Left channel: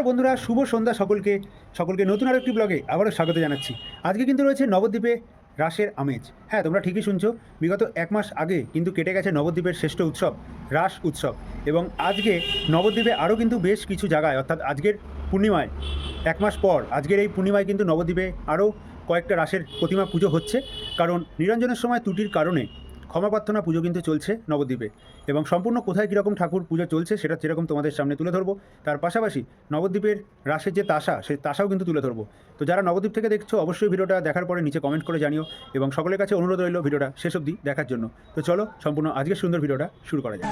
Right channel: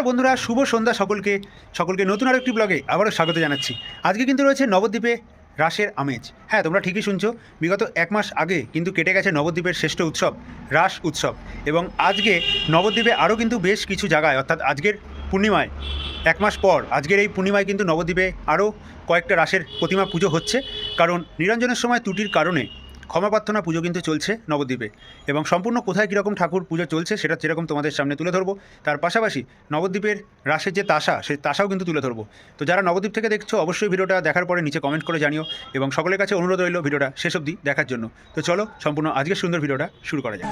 নমস্কার বন্ধুরা, শুভ সন্ধ্যা সকলকে। সকলকে নতুন আরেকটি ব্লগে আবারও স্বাগত জানাচ্ছি। আজকে কিন্তু রয়েছে নবদ্বীপে রাসের আমেজ। হ্যাঁ তোমরা ঠিকই শুনছো, বিগত এক মাস আগে কিন্তু কেটে গেছে নবদ্বীপের শ্রেষ্ঠ উৎসব, রাস উৎসব। এবং আজকে নবদ্বীপে আরও কিন্তু বেশ কিছু জায়গায়, অর্থাৎ আজকের পূর্ণিমায়, এক মাস পর আজকের এই পূর্ণিমায় কিন্তু নবদ্বীপে আরও কয়েকটা রাসের প্রতিমা পুজো হচ্ছে। কারণ নিরঞ্জনের সময় ত্রুটির কারণে ক্ষমা প্রার্থনা, পুজো কিন্তু চলছে নবদ্বীপে। এবং সম্পূর্ণ কোথায় কীরকম ঠাকুর পুজো চলছে সেটা যেরকম তোমাদের সামনে তুলে ধরবো। তার পাশাপাশি নবদ্বীপের রাসের যে তাসা, সেই তাসাও কিন্তু তুলে ধরবো। তো যারা নবদ্বীপ থেকে দেখছ, অবশ্যই ভিডিওটা দেখার পরে নিচে কমেন্ট করে জানিও এবং সকলের কাছে অনুরোধ রইল ভিডিওটা শেষ অবধি দেখার জন্য। তো চলো, সম্পূর্ণ আজকের সুন্দর ভিডিওটা শুরু করা যাক।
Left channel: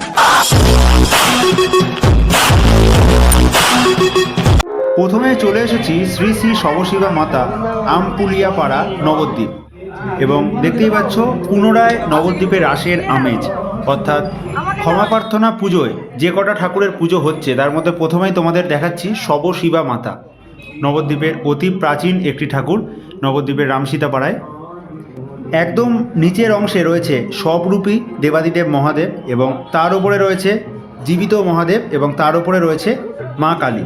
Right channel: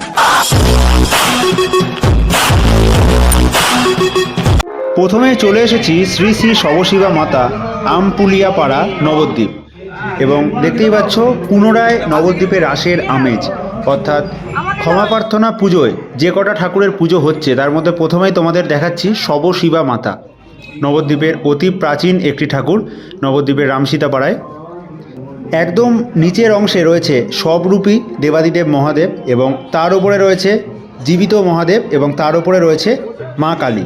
প্রথমে চলে এসেছি শ্রী শ্রী শবশিবা মাতা আমপুলিয়া পাড়া নবদ্বীপ। এবং দেখতেই পাচ্ছ, পুনরায় নবদ্বীপে রাসের আমেজ। অর্থাৎ ক্ষমা প্রার্থনা পুজোয় যে কটা ঠাকুরের পুজো হচ্ছে, তার মধ্যে প্রথমেই তোমাদের দেখাচ্ছি শবশিবা মাতা। নবদ্বীপের অতি প্রাচীন একটি ঠাকুর, নবদ্বীপের রামসীতা পাড়ায় একদম নিচের অংশে রয়েছে সবরূপী দেবাদিদেব মহাদেব এবং তার উপরে রয়েছে জীবিত মহাদেব এবং তার উপরে রয়েছে মা কালী।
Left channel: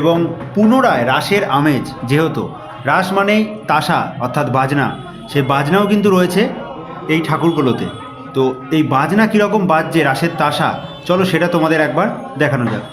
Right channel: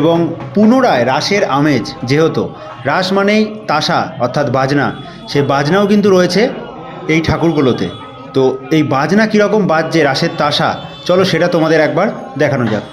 এবং পুনরায় রাসের আমেজ, যেহেতু রাস মানেই তাসা, অর্থাৎ বাজনা সেই বাজনাও কিন্তু রয়েছে এই ঠাকুরগুলোতে। তো এই বাজনা কীরকম বাজছে রাসের তাসা? চলো সেটা তোমাদের একবার দেখানো যাক।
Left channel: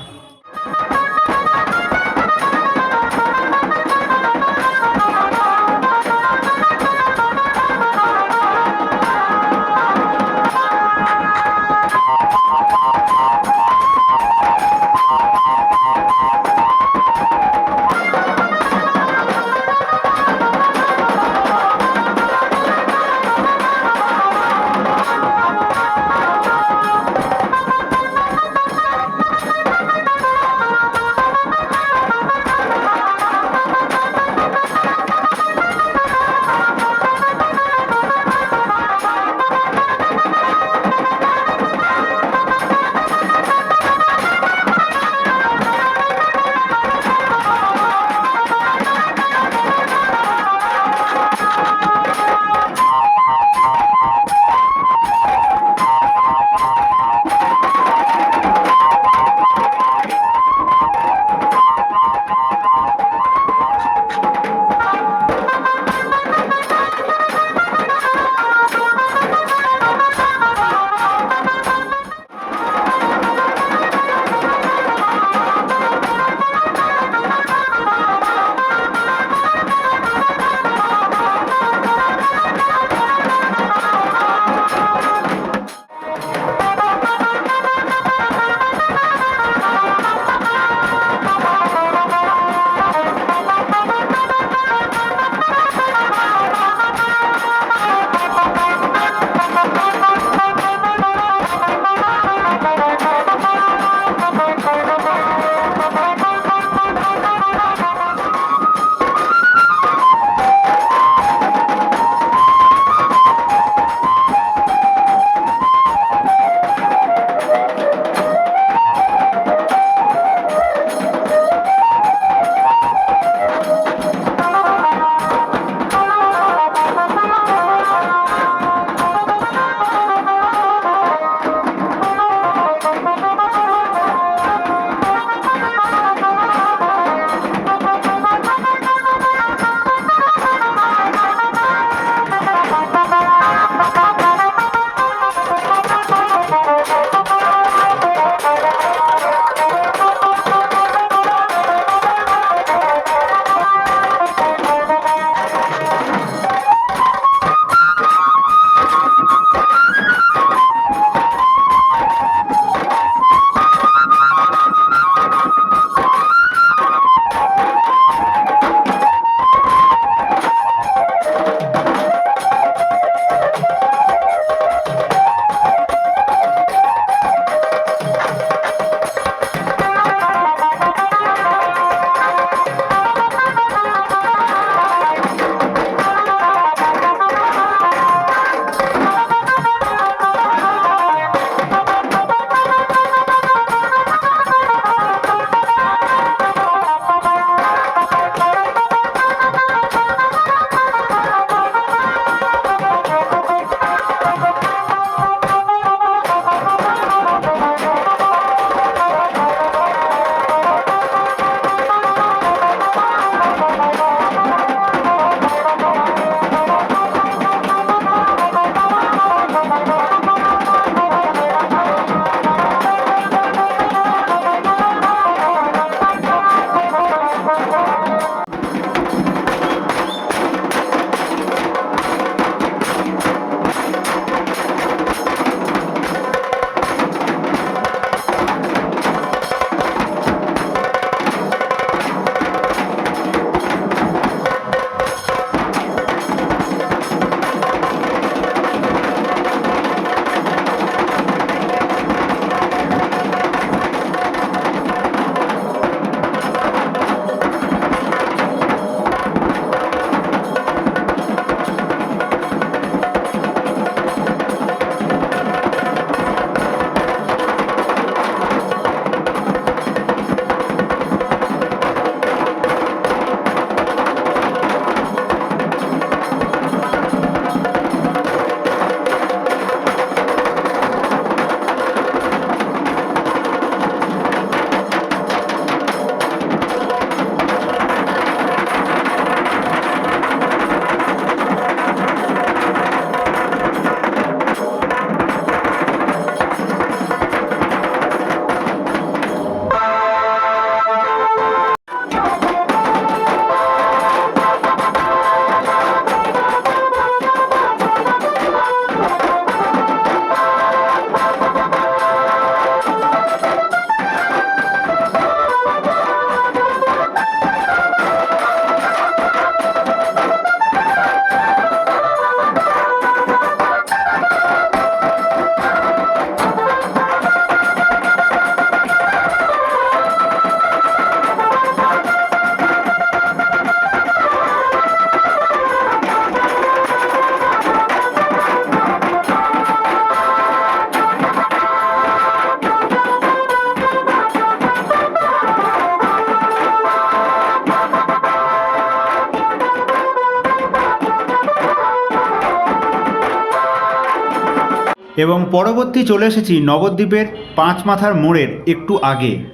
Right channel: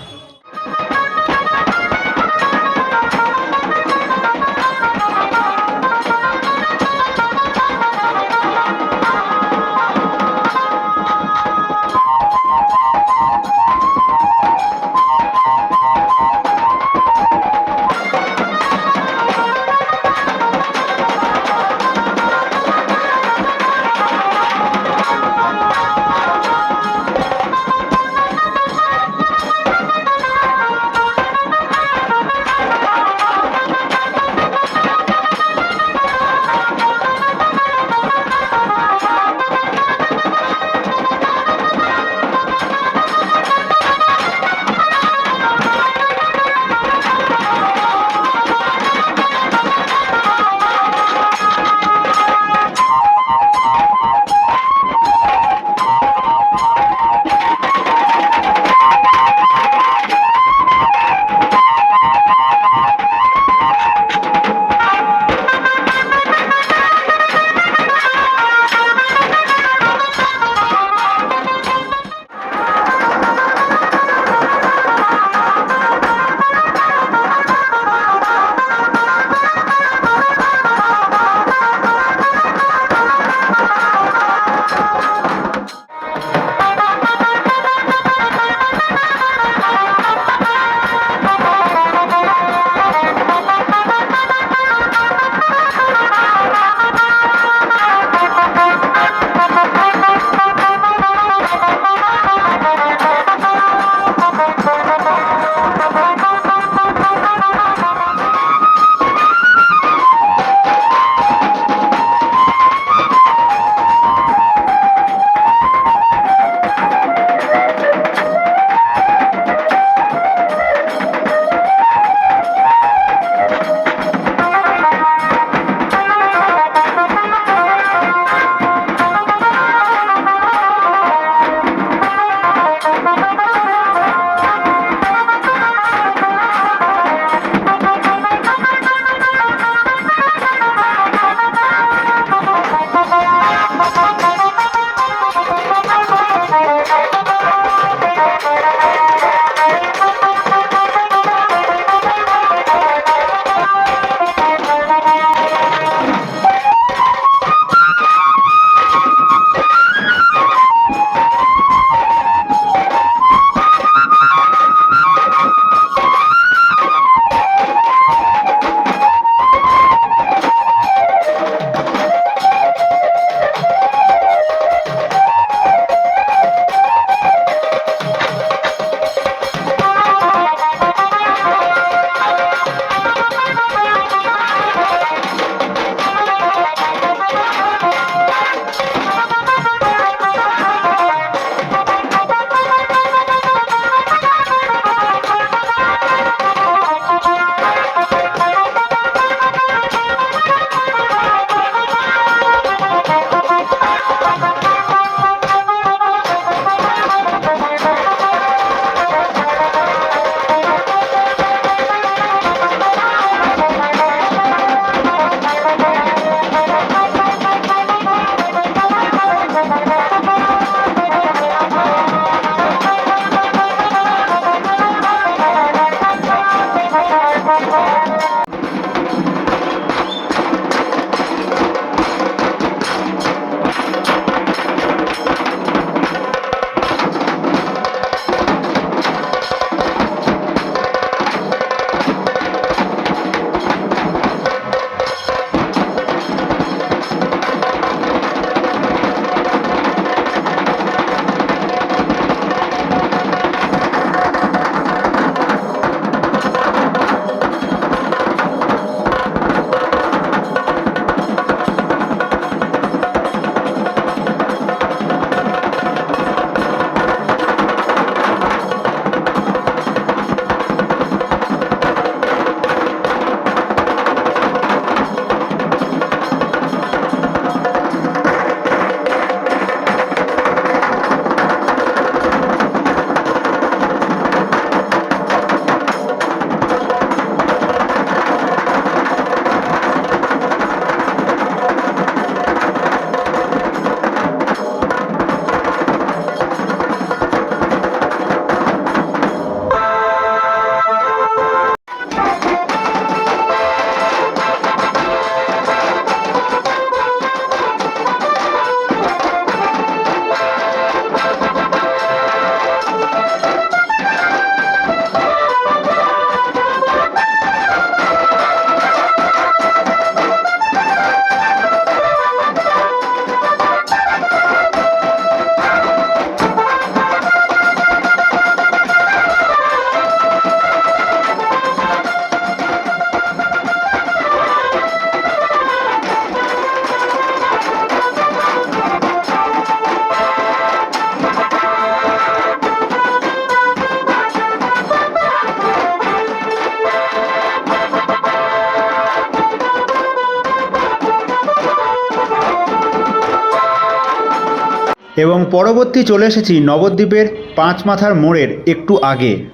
এবং পরবর্তী চলে এসেছি নবদ্বীপের পাঁচ মাথার মোড়ের একটু আগে।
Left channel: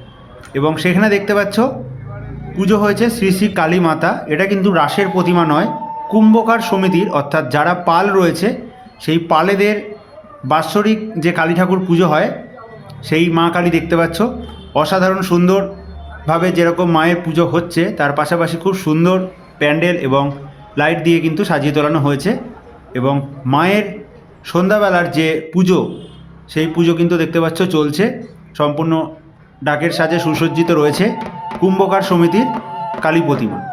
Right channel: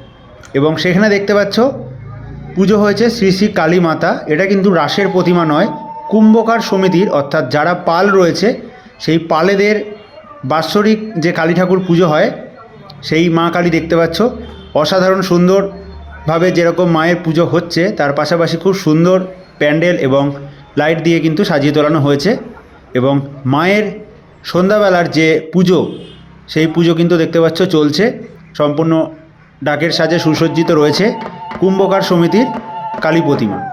এবং সেখানে দেখতে পাচ্ছ, পুজো হয়েছে শ্রী শ্রী কালী মাতা। এটা কিন্তু রাসের প্রতিমা নয়, কুম্ভকার সমিতির, অর্থাৎ যারা পাল রয়েছে, সেই পালেদের বাৎসরিক যে কালী ঠাকুর পুজো হয়, সেই মা কালী দেখতে পাচ্ছ। অসাধারণ সুন্দরভাবে যেরকম মায়ের পুজো হচ্ছে, তার পাশাপাশি খুব সুন্দর প্যান্ডেল এবং লাইট দিয়ে কিন্তু সাজিয়ে তোলানো হয়েছে। এবং মায়ের সন্ধ্যাবেলার যে পুজো, সেই পুজো কিন্তু দেখতে পাচ্ছ চলছে। সম্পূর্ণ ডাকের সাজে সুসজ্জিত রয়েছে কুম্ভকার সমিতির কালী প্রতিমা।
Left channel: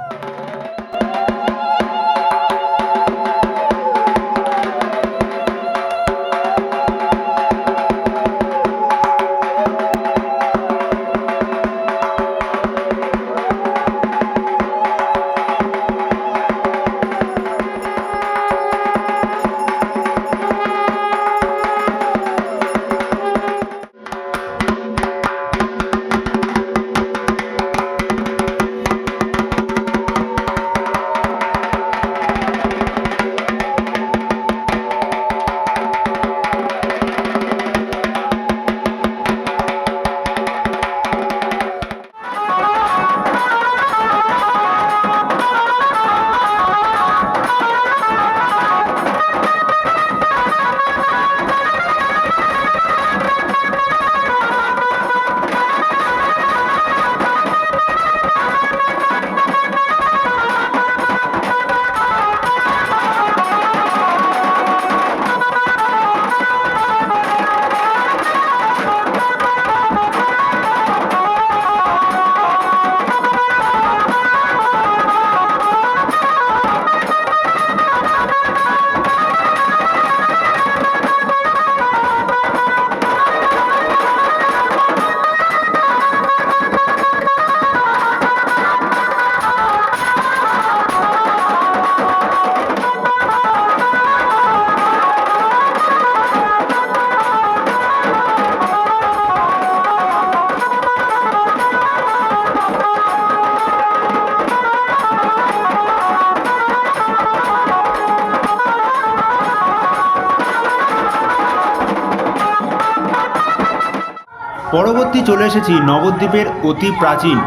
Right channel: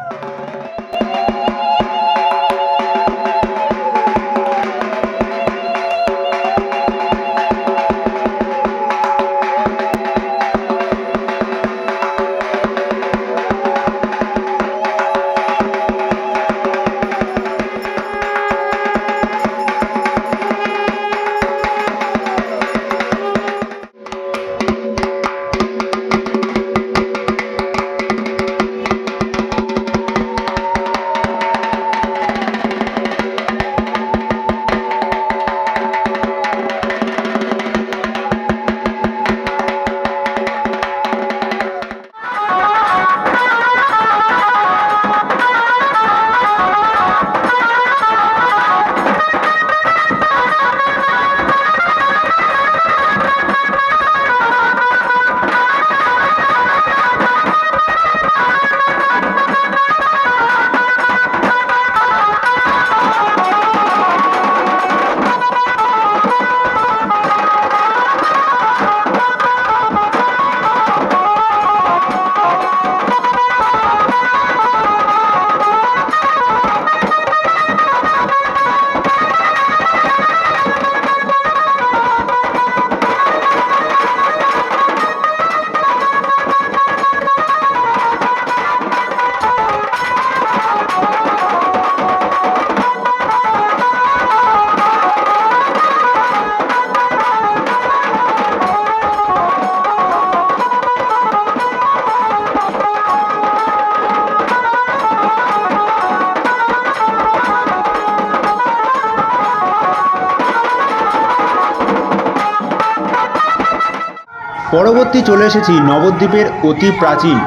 পরবর্তী চলে এসেছি নবদ্বীপের অতি প্রাচীন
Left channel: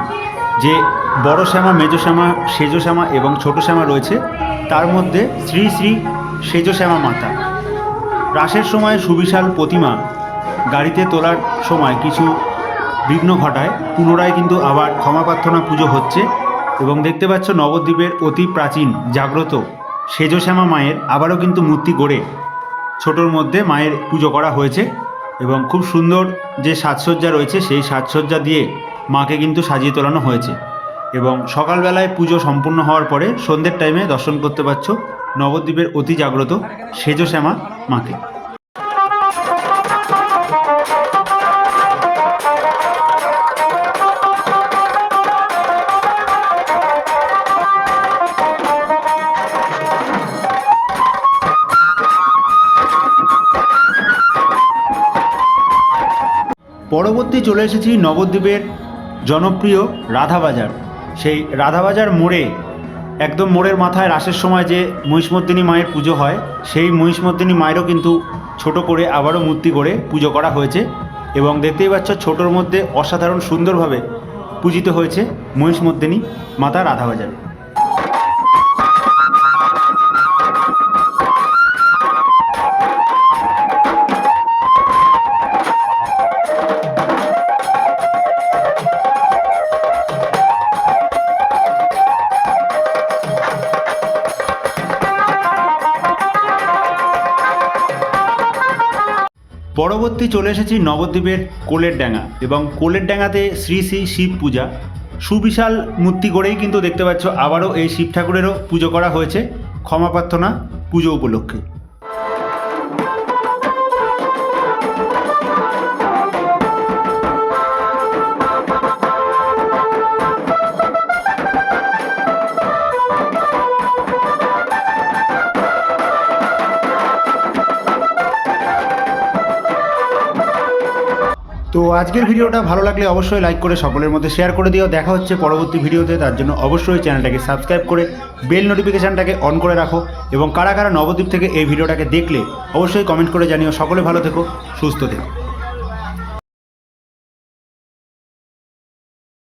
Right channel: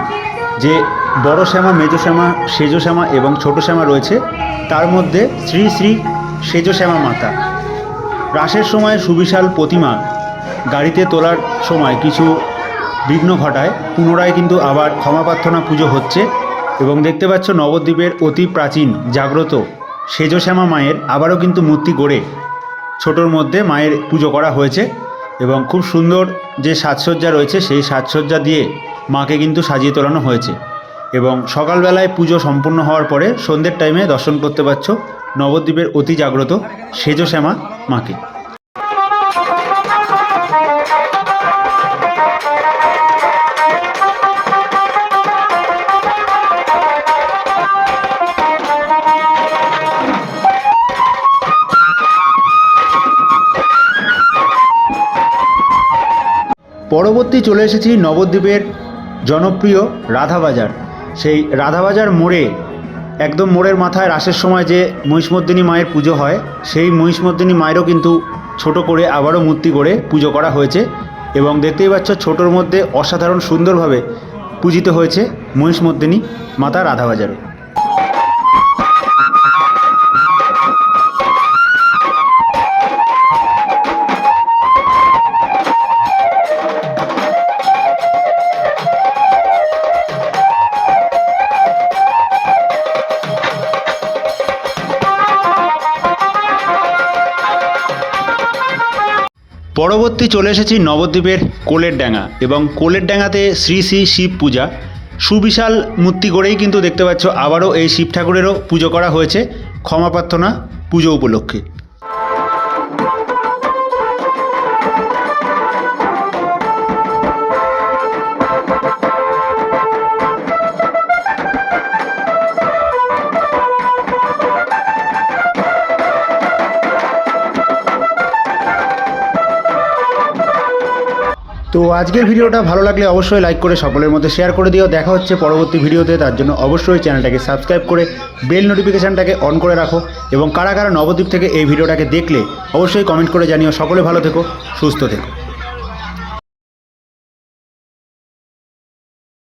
যে বড় শ্যামা, মেজ শ্যামা, সেজ শ্যামা এবং ছোট শ্যামা রয়েছে, তার মধ্যে শ্রী শ্রী সেজ শ্যামা মাতা। রাসের সময় সুবিশাল প্রতিমা গাড়িতে তোলার সময় কিছু বিঘ্ন ঘটায়, পুনরায় কিন্তু আবার ক্ষমা প্রার্থনা পুজো হচ্ছে এবং দেখতে পাচ্ছ নবদ্বীপের অতি প্রাচীন জাগ্রত সেজ শ্যামা মায়ের আবারও কিন্তু মূর্তি গড়ে ছোটোর মধ্যে মায়ের পুজো করা হয়েছে। এবং খুব সুন্দর যে সাজসজ্জা রয়েছে, সেই সাজসজ্জা দিয়ে মাকে কিন্তু সাজিয়ে তোলানো হয়েছে। এবং সকালবেলায় পুজো সম্পূর্ণ হওয়ার পরে সন্ধ্যের টাইমে দর্শন করতে পারছ নবদ্বীপের অতি জাগ্রত সেজ শ্যামা মাকে। পরবর্তী চলে এসেছি নবদ্বীপের জনপ্রিয় রাধাবাজার। সেই রাধাবাজার মোড়ে, একদম মোড়ের মাথায় রাসের সময় যে মহিষমর্দিনী মায়ের পুজো হয়, সেই মহিষমর্দিনী মায়েরও কিন্তু ছোট করে আবারও মূর্তি করে পুজো করা হয়েছে এবং দেখতেই পাচ্ছ ছোটোর মধ্যে অসাধারণ সুন্দরভাবে পূজিত হয়েছে মহিষমর্দিনী মাতা রাধাবাজারে। পরবর্তী চলে এসেছি নবদ্বীপের কোলের ডাঙা এবং কোলের ডাঙাতে শ্রী শ্রী শিব পূজা। সুবিশাল মূর্তি করেই কিন্তু দেখতে পাচ্ছ, আবারও এই শিব ঠাকুরেরও পুজো করা হয়েছে। ক্ষমা প্রার্থনা, পুজো উপলক্ষে। তো আজকের ভিডিওটা ভালো লাগলে অবশ্যই লাইক করে সকলের মধ্যে শেয়ার করে দিও। দেখা হচ্ছে পরবর্তী ভিডিওতে, তার জন্য অবশ্যই চ্যানেলটাকে সাবস্ক্রাইব করে বেল নোটিফিকেশানটাকে অন করে রাখো এবং কারা কারা নবদ্বীপ থেকে এই ভিডিওটাকে দেখলে, অবশ্যই কমেন্ট করে জানিও। সকলে ভালো থেকো, সুস্থ থেকো।